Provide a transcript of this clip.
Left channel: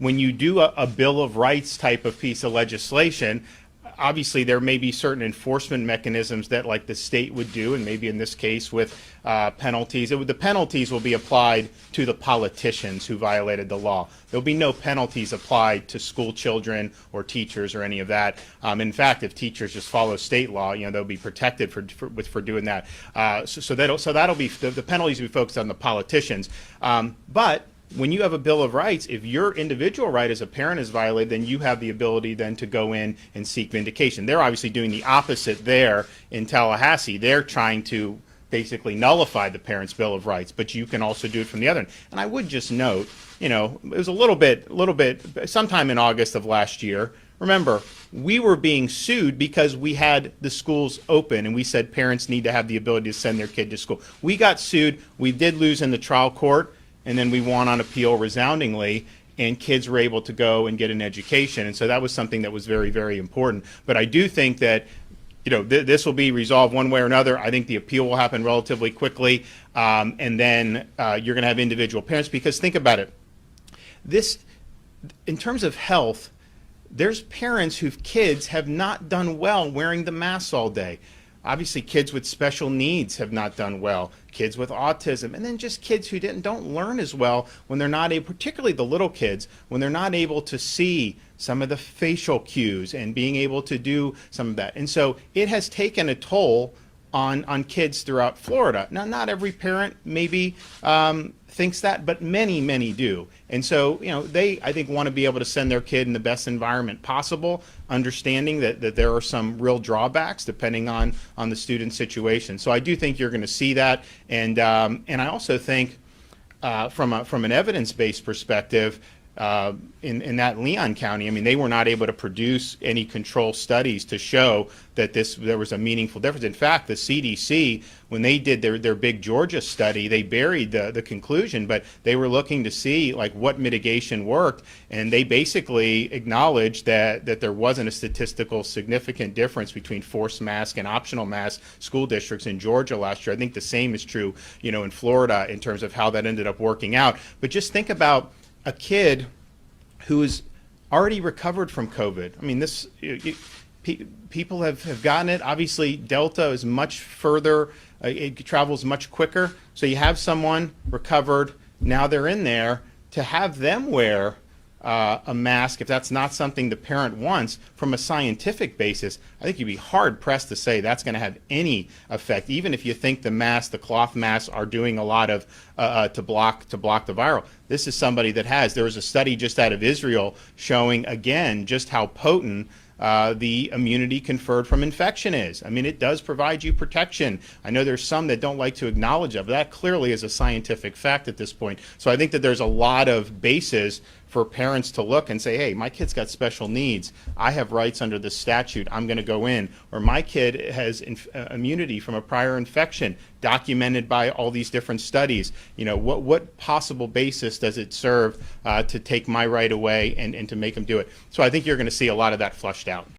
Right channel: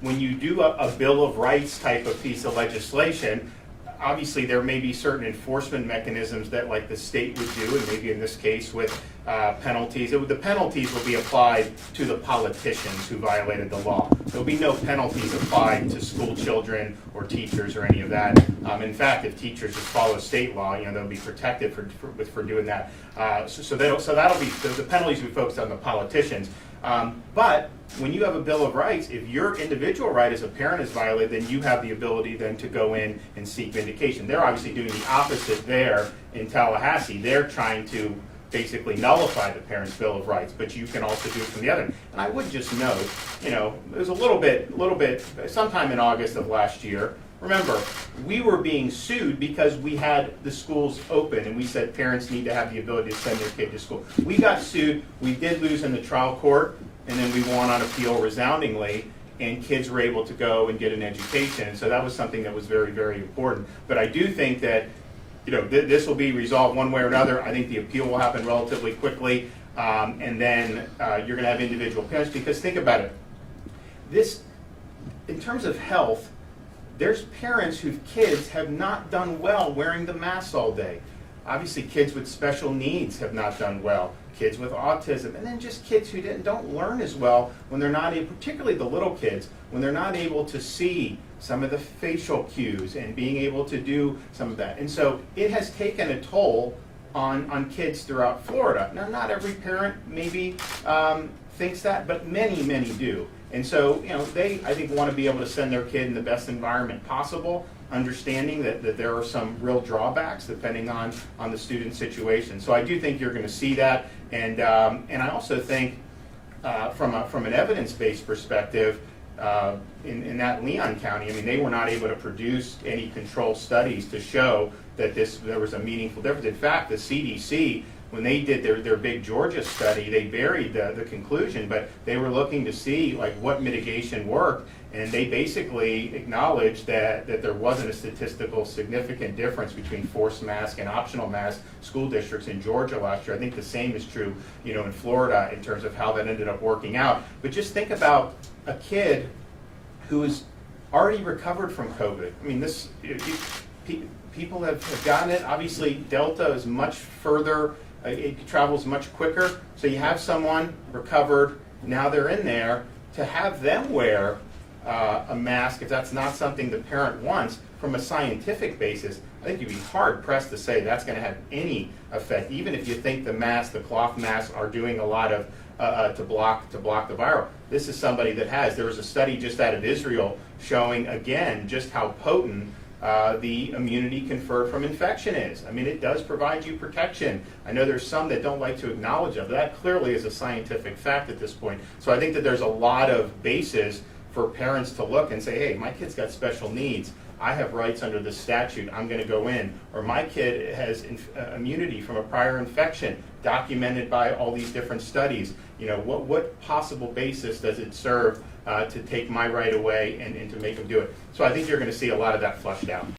When you do a Bill of Rights type of piece of legislation, obviously there may be certain enforcement mechanisms that like the state would do, and maybe in this case with penalties. The penalties will be applied to the politicians who violated the law. There'll be no penalties applied to school children or teachers or any of that. In fact, if teachers just follow state law, they'll be protected for doing that. So that'll be the penalties will be focused on the politicians. But when you have a Bill of Rights, if your individual right as a parent is violated, then you have the ability then to go in and seek vindication. They're obviously doing the opposite there in Tallahassee. They're trying to basically nullify the parent's Bill of Rights, but you can also do it from the other end. And I would just note, it was a little bit, sometime in August of last year. Remember, we were being sued because we had the schools open and we said parents need to have the ability to send their kid to school. We got sued. We did lose in the trial court, and then we won on appeal resoundingly, and kids were able to go and get an education. And so that was something that was very, very important. But I do think that this will be resolved one way or another. I think the appeal will happen relatively quickly, and then you're going to have individual parents, because think about it. This, in terms of health, there's parents whose kids have not done well wearing the mask all day. Obviously, kids with special needs have not done well. Kids with autism, and then just kids who don't learn as well when they're not able, particularly the little kids, when they're not able to see some of the facial cues and being able to do some of that. And so it has taken a toll on kids throughout Florida. Now, not every parent maybe thinks that, but many, many do. And so, they, I think, want to be able to send their kid in the best environment possible, understanding that there are some real drawbacks depending on the student situation. So I do think you're going to see that. And I also think from an evidence-based perspective, in that Leon County, they were not able to produce any control studies to show that there was a meaningful difference. In fact, the CDC, when they did their big Georgia study, they buried the conclusion, but they were looking to see what mitigation worked, and they basically acknowledged that there wasn't a statistical significant difference between forced mask and optional mask school districts in Georgia last year. I think the same is true, in Florida in terms of how that ended up working out. But just think about a kid who's already recovered from COVID. People have gotten it. Obviously, Delta is much further. It travels much quicker. So you have someone recovered. Now they're in there. To have them wear a mask, if that's not something the parent wants, from a scientific basis, I think you'd be hard pressed to say that's going to have any effect, even if you think the cloth masks are doing a lot of to block the viral. This is somebody that has. There was a study just out of Israel showing again just how potent the immunity conferred from infection is. It does provide you protection. I know there's some that don't like to acknowledge it, but that clearly is a scientific fact at this point. So I think that there's a lot of basis for parents to look and say, hey, my kid's got special needs. I have rights under the statute. I'm going to go in. Or my kid has immunity from a prior infection documented by all these different studies. What possible basis does it serve to take my right away and to make them do it? So I think you're going to see a lot of that flushed out.